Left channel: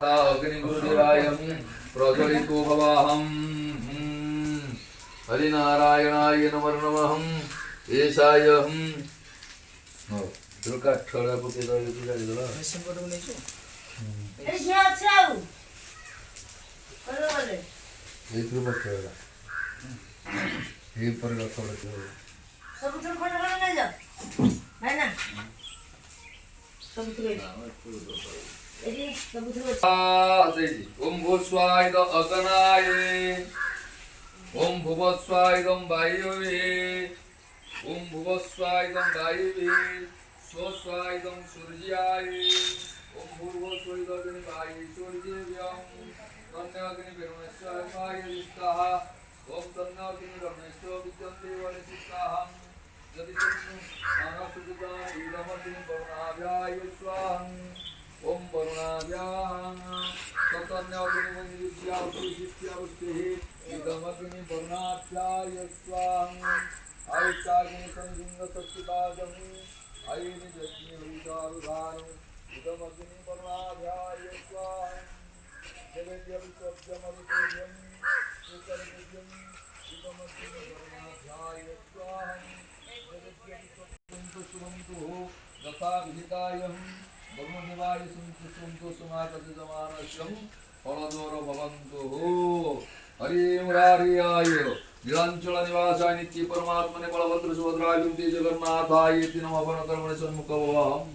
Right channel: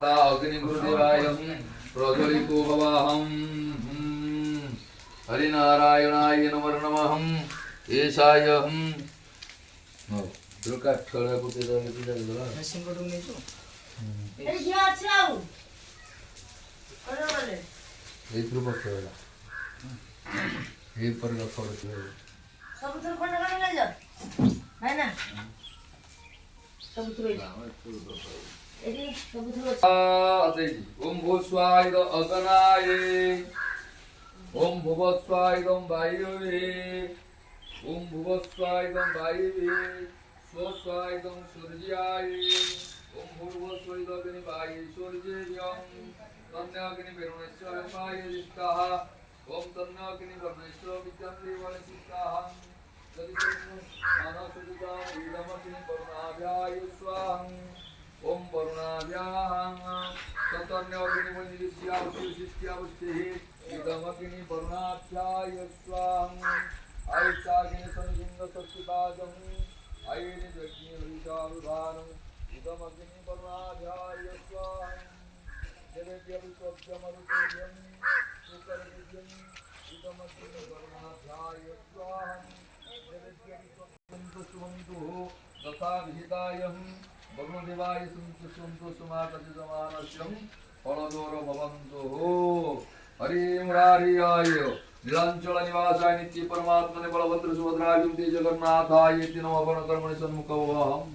अग्निगुरुदेवाय प्रज्वलितो भवाहं हरिनारायणाय नमो नमः एषाय दुर्गा ठड़ा को तेरा ये पूजा दिला ऐसे करो नहीं तो ए क्या चाउ करो बोले ये ग्रुप खेला ये पर रखो रखो सब उधर खड़ा खड़ा ले जा है ना सब उधर ओम भूस्वाय अगनाय ओम भुवस्वाय वायुवे ओम भुवस्वाय वायुवे स्वस्वाय सूर्याय ओम भूर्भुवस्वाय अग्निवाय सूर्येभ्यं तन्नाग्निर्वरुणस्वाय विष्टाः ओम तन्नाग्निर्वरुणस्य विद्यन्तेवनिष्टाः यदि तन्नु मानसुदां इदमग्निर्वरुणाभ्याय स्वाहा ओम वरुणाभ्यां ततन्नाग्निर्वरुणस्यावशिष्यावस्तेः इदमग्निर्वरुणाभ्याय स्वाहा आयुष्याग्नि संयुंगसत्पादं आयुनि यज्ञविचारुधारं इदमग्निर्वरुणाभ्याय स्वाहा देवेभ्यविश्वभ्यमरुतेभ्यं सुकरभ्यं इदमग्निर्वरुणाभ्याय स्वाहा देवेभ्यविश्वभ्यं सुवन्तु तथा विहितायं वरुणदेवाय सुन्तु सुमातजमानस्यं फलदोर भवन्तु हरि मुरारियाय नीलांचल निवासाय नित्य परमात्मने बलभद्र सुभद्राय जगन्नाथाय इति नमः कर्मणि सन्मुखम्